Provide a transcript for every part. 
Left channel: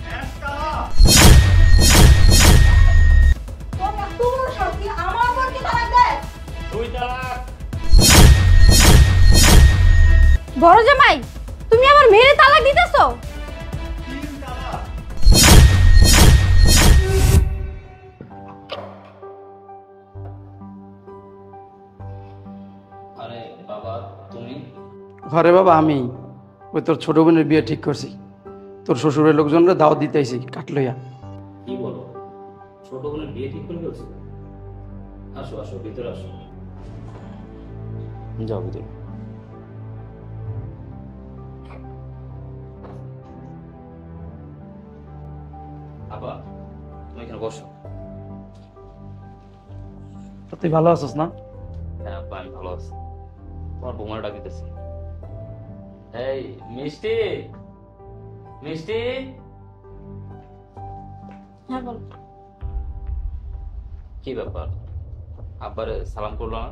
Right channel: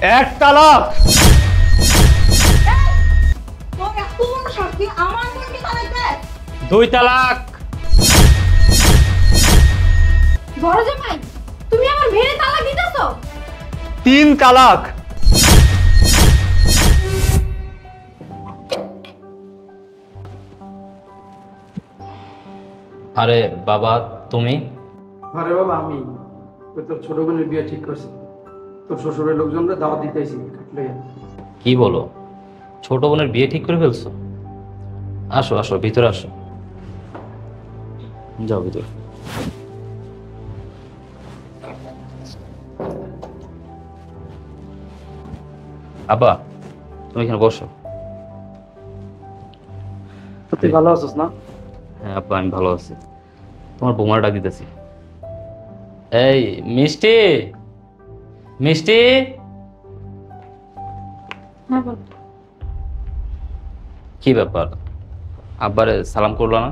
1 তালাক। তোর এত বড় সাহস, তুই আমার বোনকে তালাক দেয়? 2 তালাক। বড় জামাই, তুমি আমার মেয়ের তালাক দিতেছো? 3 তালাক। আরে বাবা তুমি? ঘরে বাবা আমি ওই তোর ছোট বোনের বিয়ে ঠিক করছি। তোর শ্বশুরের লোকজনরা দাওয়াত দিতে আইছি কাটলইয়া। কি বলো, ছোট বোনের বিয়ে ঠিক করে ফেলছো? আসো আসো, ভিতরে আসো, যাও ভিতরে। আব্বা তুমি এখানে বসো। তুই ভালো আছিস না? হ্যাঁ আব্বা আমি ভালো আছি। তোমার বৌমার ডাক দিতেছি। এই মিষ্টি, মিষ্টি। হ্যাঁ বল। কি ব্যাপার, আব্বারে সালাম করলো না?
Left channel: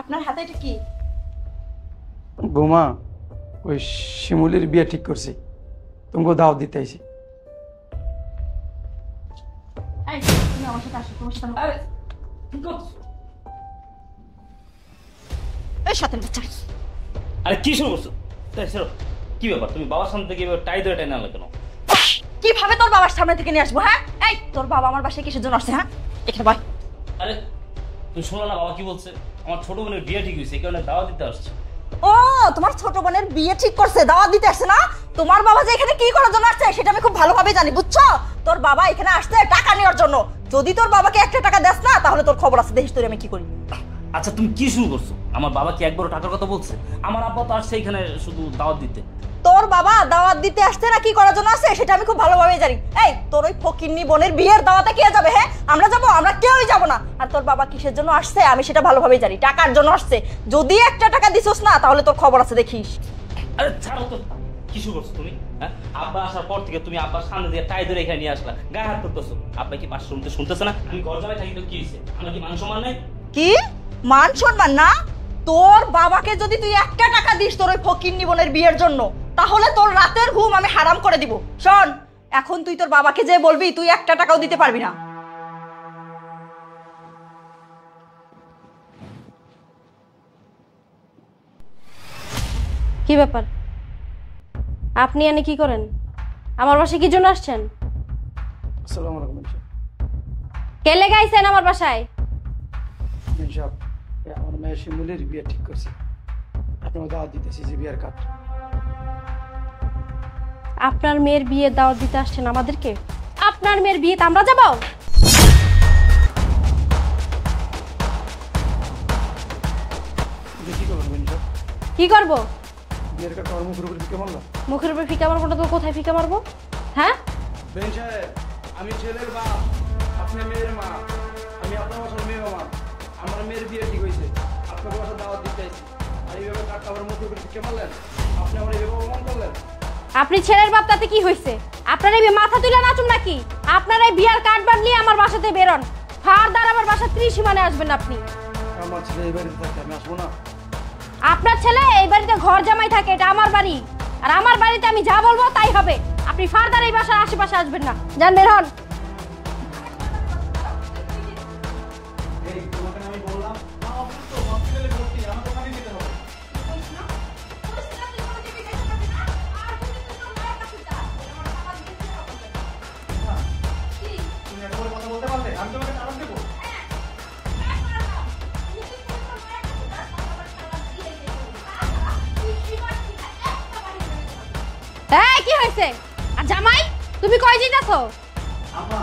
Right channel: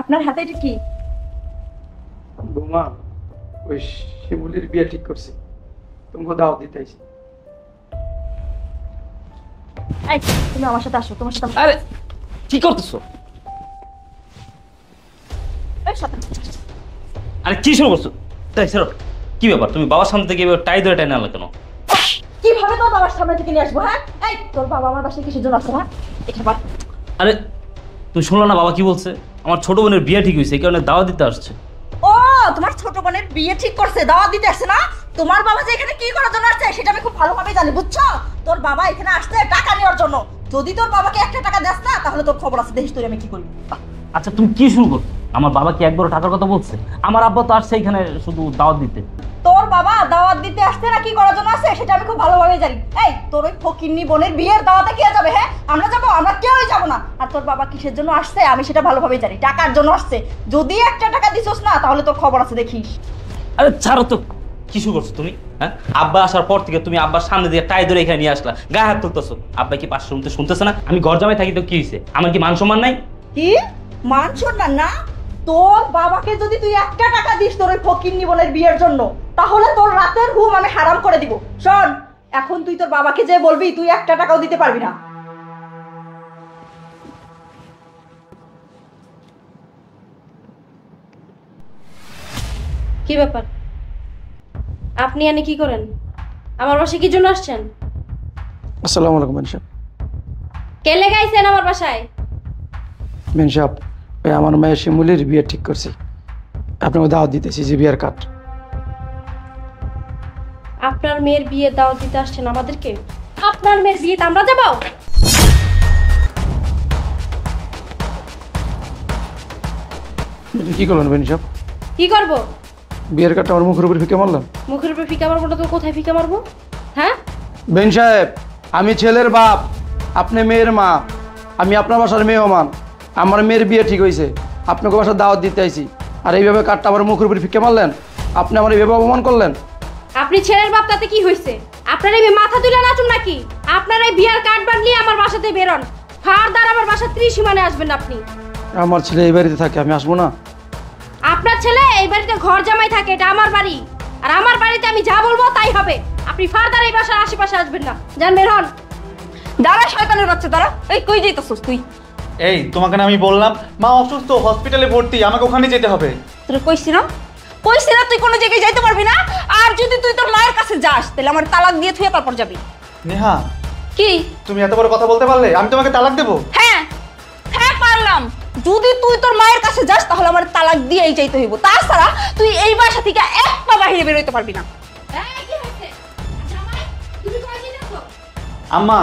আপনার হাতে এটা কি? বৌমা, ওই শিমুলের বিয়ে ঠিক করছি, তোমাকে দাওয়াত দিতে আইছি। এই তুমি আমার সাথে আসো, তোমার সাথে আরে কি করতেছো? এই সাথে বাচ্চা। আরে কি শুরু করছো? তাই সরো। কি ব্যাপার, তুমি বাবার সামনে থেকে টাই ধরে টাই আনলে কেন? কিভাবে তোর বাবার সামনে থেকে নিয়ে আসবো? হ্যাঁ, এই তোর বাবা আমার বাসায় কিসের জন্য আসছে? হ্যাঁ, এখানে বল। আরে তুমি শুনলো না বাবা কি বলছে? আমার ছোট বোনের বিয়ে ঠিক হয়েছে, এই কারণে দাওয়াত দিতে আসছে। ও তোমার ছোট বোনের বিয়ে ঠিক করছে, দাওয়াত দিতে আসছে না? তোমার বাবা যে এখানে কি করার জন্য আসছে সেটা আমি খুব ভালোভাবে জানি, বুঝছো? তোর বাবা এখানে আসছে টাকা নেওয়ার জন্য। যদি তোর বাবাকে 1 টাকা দেস না তাহলে তোর খবর আছে, দেখিস তোর আমি কি করি। আচ্ছা তুমি কি শুরু করছো? আমার বাবা কি একবারও টাকার কথা বলছে? আমার আব্বা তো আসছে এখানে শুধু দাওয়াত দিতে। তোর বাবা দাওয়াত দিতে আসছে না কি করার জন্য আসছে সেটা আমি খুব ভালোভাবে জানি। এই তোর ওই ফকিন্নি বোনের বিয়ের দাওয়াতে কে যাবে? হ্যাঁ আমরা যাবো? আমরা কেউই যাবো না। আর তোর বাবা কিসের জন্য আসছে আমি সেটা ভালোভাবে জানি, টাকার জন্য আসছে। যদি 1 টাকা দিছস না তাহলে তোর খবর আছে, দেখিস। আরে ছাড়ো তো, কি শুরু করছো তুমি? হ্যাঁ আব্বা আসার পর থেকে তুমি আব্বার সামনে দিয়ে টাই ধরে এখানে নিয়ে আসলা, গায়ে হাত তুলতেছো। আব্বা কি পাশে শুনতেছে না? আমি ঘর জামাই থাকি তো কি হয়েছে? আমার কি মান সম্মান নাই? কি মান সম্মান না? তোর বাবাকে যদি তুই 1 টাকা দিস তোর ওই ফকিন্নি বোনের বিয়ের জন্য, তাহলে তোর রাতের ঘুম আমি হারাম করে দিব। শোন, এখন তুই তোর বাবাকে যে বলবি তুই 1 টাকাও দিতে পারবি না। কি ব্যাপার, আপনি এনে কি করেন? আমার বাসায় কি জন্য আসছেন? আসসালামু আলাইকুম মেনসাব। কে লেগাইছেন আমার বাসায়? মেনসাব, ওই আমার মেয়ে শিমুলের বিয়ে ঠিক করছি, আপনাকে দাওয়াত দিতেছি যে বিয়ের কাট। আপনার মেয়ের বিয়ে দাওয়াত দিতে আসছেন আমাদেরকে? আপনার মেয়ের বিয়েতে আমরা যাব? কি করলেন মেনসাব? কি করব? বিয়ের কাটটা আমার মুখের উপর ফিকে মারলাম? মুখের উপর ফিকা মারবো না তো কোথায় ফিকা মারবো? হ্যাঁ বেন সাহেব, আমি ছেলের বাপ, আপনি মেয়ের মা, আমি আপনার বাসার মেহমান। আমার মেয়ের বিয়ে ঠিক হয়েছে, আপনাকে বাসার দাওয়াত দিতে আইছি, আর এইভাবে কাঠটা আমার মুখের উপর ফিকে মারলেন, আপনি আমার এইভাবে অপমান করলেন। আপনি ছেলের বাপ, তাতে কি হয়েছে? আপনার এই মাথা তুলে নাচুন নাকি? আপনার এই বিয়ার কার্ড বানিয়ে আমার বাসাতে বেরোন, ফারদার আমার বাসা ত্রিসীমানে আসবেন আপনি। আমার ছেলে এই বাড়িতে থাকে, আমি আসবো না? আপনার ছেলে এই বাড়িতে ঘর জামাই থাকে, এটা আমার বাড়ি, আর আমার বাড়িতে আমি যা বলবো তাই হবে। আপনি ফারদার এই বাসার আশেপাশে আসবেন না, যান বের হন। দাঁড়া শয়তানের বাচ্চা, দাঁড়া। এই কই যাইতাছস তুই? এই তোমাকে না আমি বললাম মা অসুস্থ, হসপিটালে ভর্তি, আমাকে ওখানে যেতে হবে। তোর কইছি না তুই কোনো জায়গায় যাইতে পারবি না। আর যদি তুই তোর মায়ের কাছে যাস তাহলে আমার তালাক দিয়ে তুই তারপর যাবি। নেহা, কি তুমি এত বড় কথা বলতে পারলে? আমি তোমাকে তালাক দেবো? হ্যাঁ হ্যাঁ পারলাম। যদি তুই তোর মায়ের কাছে যাস তাহলে আমার তালাক দিয়েই যাইতে হইব, তাছাড়া তুই এই বাসা থেকে এক পা বাইরে বের হইতে পারবি না। এই কি হয়েছে? আর জামাই তুমি কই যাইতাছো? আম্মা,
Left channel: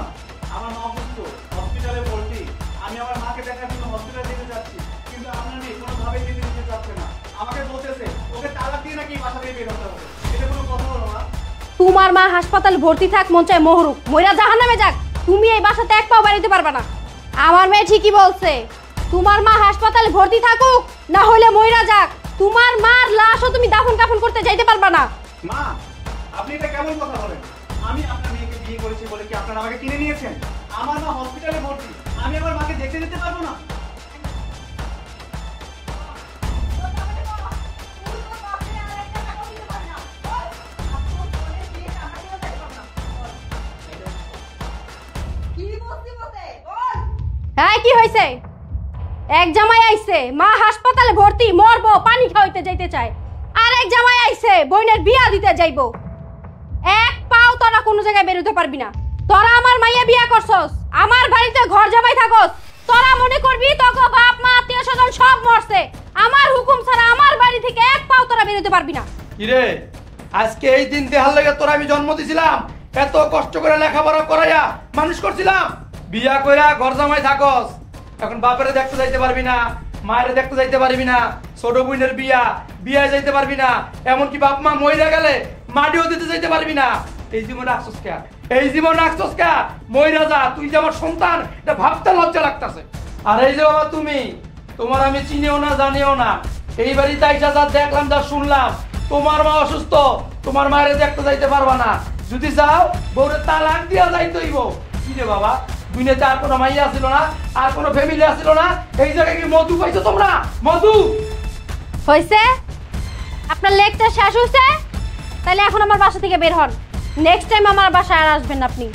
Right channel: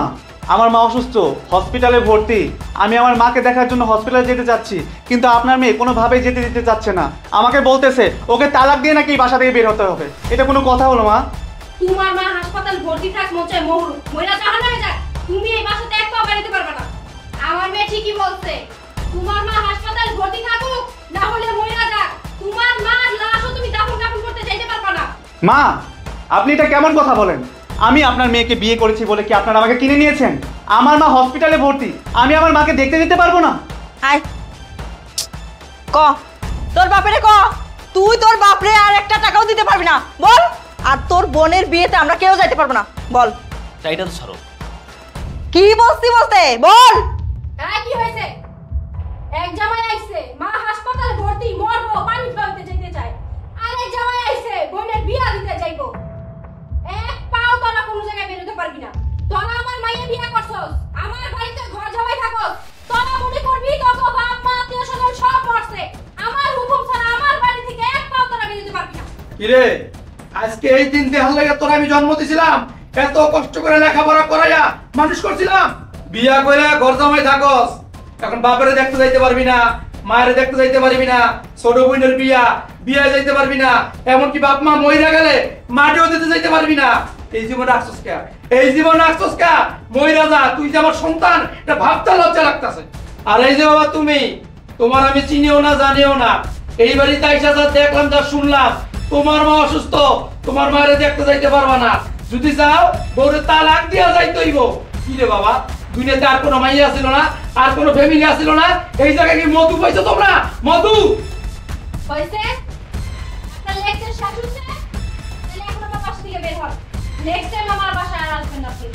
আমার মা অসুস্থ, হসপিটালে ভর্তি, আমি আমার মাকে দেখার জন্য হসপিটালে যেতে চাচ্ছি, কিন্তু আপনার মেয়ে কোনোভাবেই যেতে দিতে চাচ্ছে না। আমাকে বলতেছে ওকে তালাক দিয়ে নাকি বাসা থেকে বের হতে হবে। এটা কোনো কথা হলো মা? তোমার মা হাসপাতালে ভর্তি থাক, মন চায় মহরুক, মইরা জাহান্নামে যাক, তুমি এই বাসাতে এক পাও বাইরে পারবা না। আমার মেয়ে ঠিকই বলছে, তোমার মা হাসপাতালে ভর্তি থাকুক না হলে মইরা যাক, তোমার মার লাশও তুমি দাফন কাফন করতে যাইতে পারবা না। মা, আপনি এটা কেমন কথা বলেন? আমি আপনার মেয়েকে বিয়ে করেছি বলে কি আপনারা আমাকে কিনে নিয়েছেন? আমার মা হসপিটালে ভর্তি, আমি আমার মাকে দেখতে যেতে পারবো না? আয় ক তোর বাপরে ক, তুই তোর বাপরে আর 1 টাকাও দিতে পারবি না। বল আর তোর বোনের বিয়েতে আমরা কেউ যাইতে পারবো না। বল এটা তো সরো। কি বলতে বল। হ্যাঁ কি হয়েছে? এক জামাই আইছে মা হাসপাতালে ভর্তি, মরবো, পানি খাওয়াইতে যাইতে চায়। আর এক জামাই আইছে বোনের বিয়া দিতে যাইবো। এক পাও তোরা কোনো জায়গায় বেরোতে পারবি না। তোরা আমার মাইয়া বিয়া করছস, আমার বাড়িতে ঘর জামাই থাকস, তোরা মনে করবি তোকে বাপ মা আত্মীয় স্বজন সব মরছে। আমার হুকুম ছাড়া আমার বাড়ি থেকে এক পাও তোরা বেরোতে পারবি না। কিরে আজকে এই দিন দেখার লেগে তোরা আমি জন্ম দিছিলাম, এত কষ্ট করে লেখাপড়া করাইয়া মানুষ করছিলাম, বিয়া করে ঘর জামাই থাকস, এখন বাপরে দেখতে যাইতে পারবি না, মায়ের দেখতে যাইতে পারবি না, ছোট বোনের বিয়া যাইতে পারবি না, এমনকি বাপ মা মইরা গেলে মাটিও দিতে যাইতে পারবি না। এই জীবন রাখছস কে? এই জীবন রাখছস কে? মইরা যা, তুই যে আমার সন্তান এটা ভাবতে লজ্জা লাগতাছে। আর এই যে বাবা তুমি, তোমার আমি চিনিও না জানিও না, এই বাড়িতে আইসা যা দেখলাম যা শুনলাম, তোমার মা অসুস্থ, তোমার মায়ের দেখতে যাইতে পারবা না, যদি চাও বউরে তালাক দিয়া যাইতে হইব। কি রে বাবা, দুনিয়াতে আর কোনো মাইয়া ছিল না, আর কোনো ফ্যামিলি আসছিল না, এই জায়গায় কি মধু পাইছো তোমরা? মধু হইছে? আপনার লেকচার শেষ হইছে? তাহলে এখন আমার বাসা থেকে বের হন। নেক্সট টাইম আমার বাসায় আর আসবেন না আপনি।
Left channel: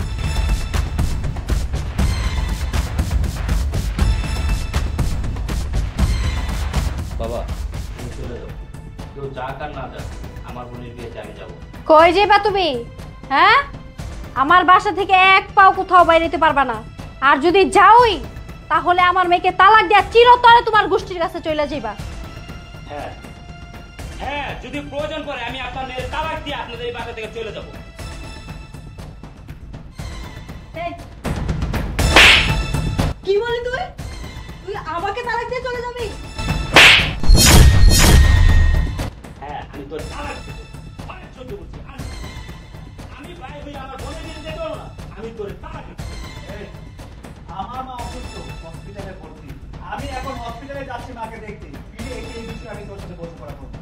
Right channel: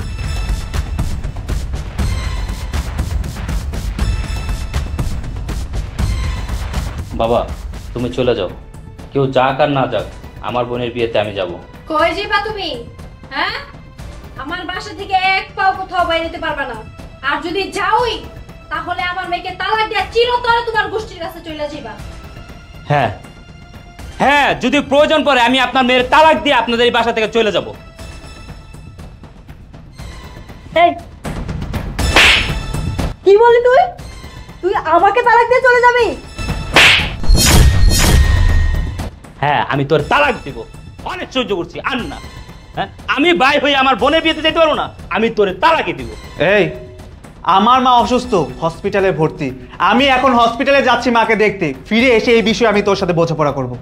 বাবা তুমি চলে যাও, কেউ যাক আর না যাক, আমার বোনের বিয়েতে আমি যাব। কই যাইবা তুমি? হ্যাঁ, আমার বাসা থেকে এক পাও কোথাও বাইরে যেতে পারবা না। আর যদি যাওই তাহলে আমার মেয়েকে তালাক দেয়া চিরতরে তোমার গোষ্ঠীর কাছে চলে যাইবা। হ্যাঁ হ্যাঁ, যদি প্রয়োজন পড়ে আমি আপনার মেয়ের তালাক দিয়ে আপনাদের এই বাসা থেকে চলে যাব। এই কি বলি তুই? তুই আমাকে তালাক দিয়ে চলে যাবি? হ্যাঁ আমি তোর তালাক দেব, অনেক সহ্য করছি আর না। হ্যাঁ আমি ভাই হয়ে আমার বোনের বিয়েতে যেতে পারবো না, আমি তোর তালাকই দিব। এই আমার মা অসুস্থ, হসপিটালে ভর্তি, আমি এখন হসপিটালে যাচ্ছি মাকে দেখতে, ফিরে এসে এই বিষয়ে আমি তোর সাথে বোঝাপড়া করব।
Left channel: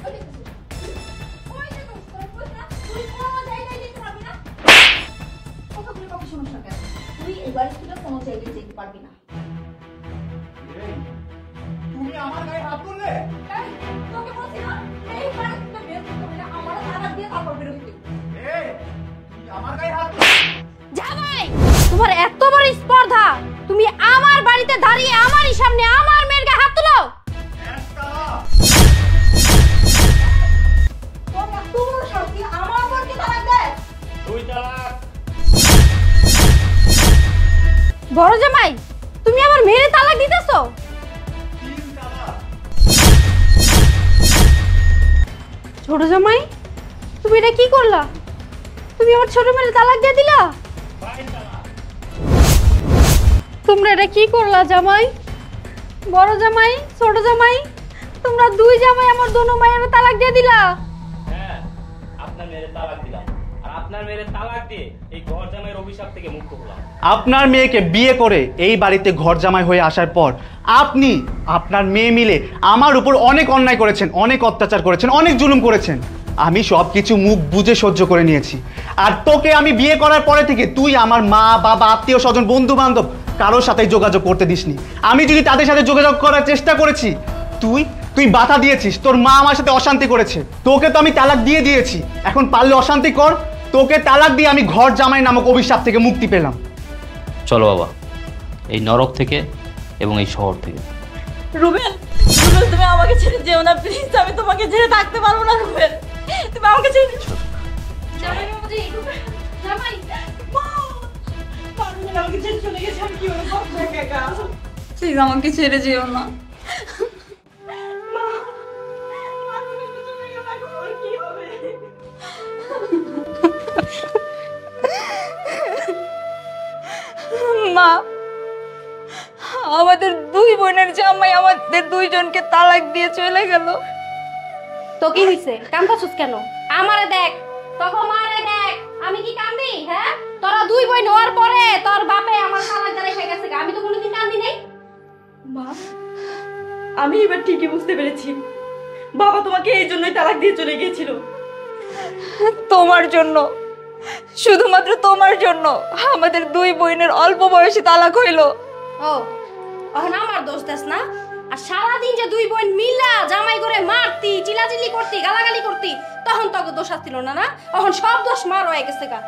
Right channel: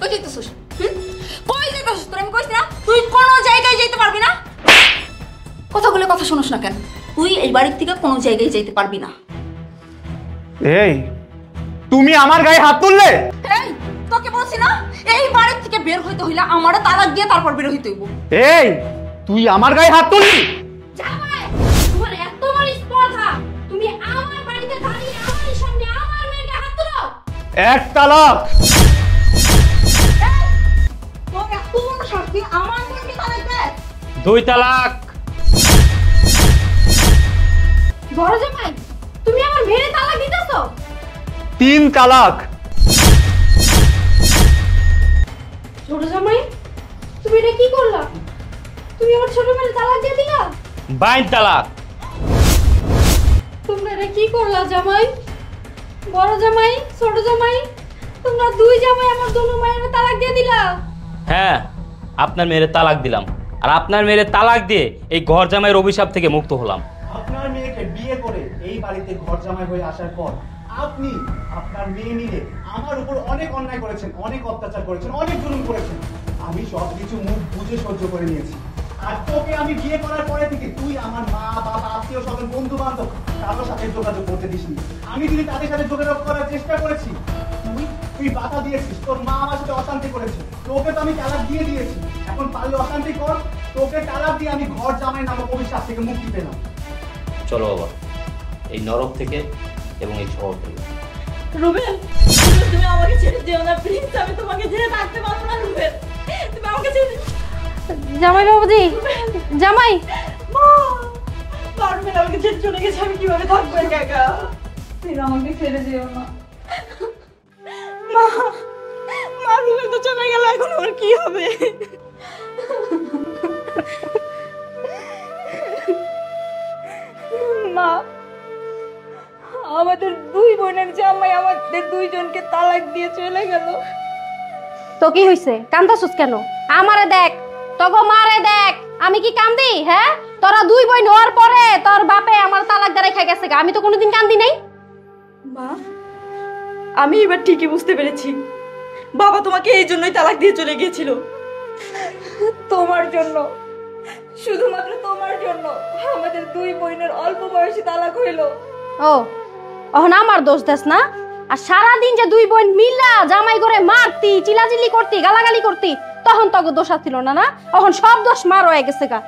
কই যাইতেছিস? কই যাইতেছিস? তোর আমি কইছি না তুই কোনো জায়গায় যাইতে পারবি না। কথাগুলো কথা শুনোস না কেন? তুই এই বাড়ি থেকে কোনো জায়গায় যাইতে পারবি না। এই তুমি আমার গায়ে হাত তুললে? এই তোকে বলছি না এই বাড়ি থেকে বের হইতে হইলে আমারও তালাক দিয়ে তারপর বের হইতে হইব। এই তুই আমার গায়ে হাত তুললি? জামাই, তোমার এত বড় স্পর্ধা, তুমি আমার বাড়িতে দাঁড়িয়ে আমারই সামনে আমার মেয়ের গায়ে হাত তুলো? এক তালাক। তোকে এত বড় শক্তি আমার বোনকে তালাক দে? 2 তালাক। বড় জামাই, তুমি আমার মেয়ের তালাক দিতেছো? 3 তালাক। ছোট জামাই, তুমি এটা কি করলা? তুমি আমার ছোট মেয়ের তালাক দিয়ে দিলা? 22 তালাক। তোমরা এটা কি করলা জামাই? বড় জামাই, ছোট জামাই, তোমরা দুই জামাই আমার দোনো মায়ের তালাক দিয়ে দিলা। হ্যাঁ আপনার মেয়ের তালাক দিলাম, আর আপনার মেয়ের তালাক দিয়ে এই ঘর জামাইয়ের অভিশাপ থেকে মুক্ত হলাম। আপনার মেয়েকে বিয়ে করে এই বাড়িতে ঘর জামাই হয়ে আসার পর আপনি আপনার মেয়ে মিলে আমার উপর অনেক অন্যায় করেছেন, অনেক অত্যাচার করেছেন, অনেক জুলুম করেছেন। আমি সব কিছু মুখ বুঝে সহ্য করে নিয়েছি। আর তোকে আমি বিয়ে করার পরে থেকে তুই আমার মা বাবা আত্মীয় স্বজন বন্ধু বান্ধব কারোর সাথে যোগাযোগ করতে দিসনি। আমি যদি তাদের সাথে যোগাযোগ করার চেষ্টা করেছি, তুই তুই বাধা দিয়েছিস। তোর মা আমার সাথে অশান্তি করেছে, তোকে তো আমি তালাক দিয়ে দিয়েছি। এখন পারলে অশান্তি কর, তোকে তালাক দিয়ে আমি ঘর জামাই নামক অভিশাপ থেকে মুক্তি পেলাম। চলো বাবা, এই নরক থেকে এবং এই শহর থেকে। রুবেল, তুমি আমাকে ছেড়ে যেও না প্লিজ, আমি তোমাকে ছেড়ে থাকতে পারবো না রুবেল, তুমি আমাকে ছেড়ে। জামাই বাবুজি, জামাই, মা রুবেল আমাকে ছেড়ে চলে গেছে, আমি কিভাবে থাকবো একা একা? প্লিজ আমাকে ছেড়ে যেও না। মা মা রুবেল তো চলে গেল, এখন আমার কি হবে? মা আমাদের দুই বোনের জামাই আমাদের দুইজনকে তালাক দিয়ে চলে গেল। তো কি হইছে? কান্দাছস কেন? আমারে দেখ, তোগো মারে দেখ, আমি কি কান্দি? হ্যাঁ, তোরা দুই বোন হওয়ার পরে তোর বাপে আমার তালাক দিয়ে রেখে গেছে, আমি তো কোনোদিন কান্দি নাই। মা আমি এবার ঠিকই বুঝতে পেরেছি, বাবা তোমাকে এই জন্যই তালাক দিয়ে চলে গিয়েছিল, তোমার জন্য, শুধুমাত্র তোমার জন্য আমাদের দুই বোনের অল্প বয়সে তালাক হইল। ও এখন আমার দোষ দেস না? আর সারাদিন যে দুই বোন মিলা জামাই করে মারতি, চিলাচিলি করতি, গালাগালি করতি, তখন তোকে দোষ আসছিল না না এখন সব দোষ মার হয়ে গেছে গা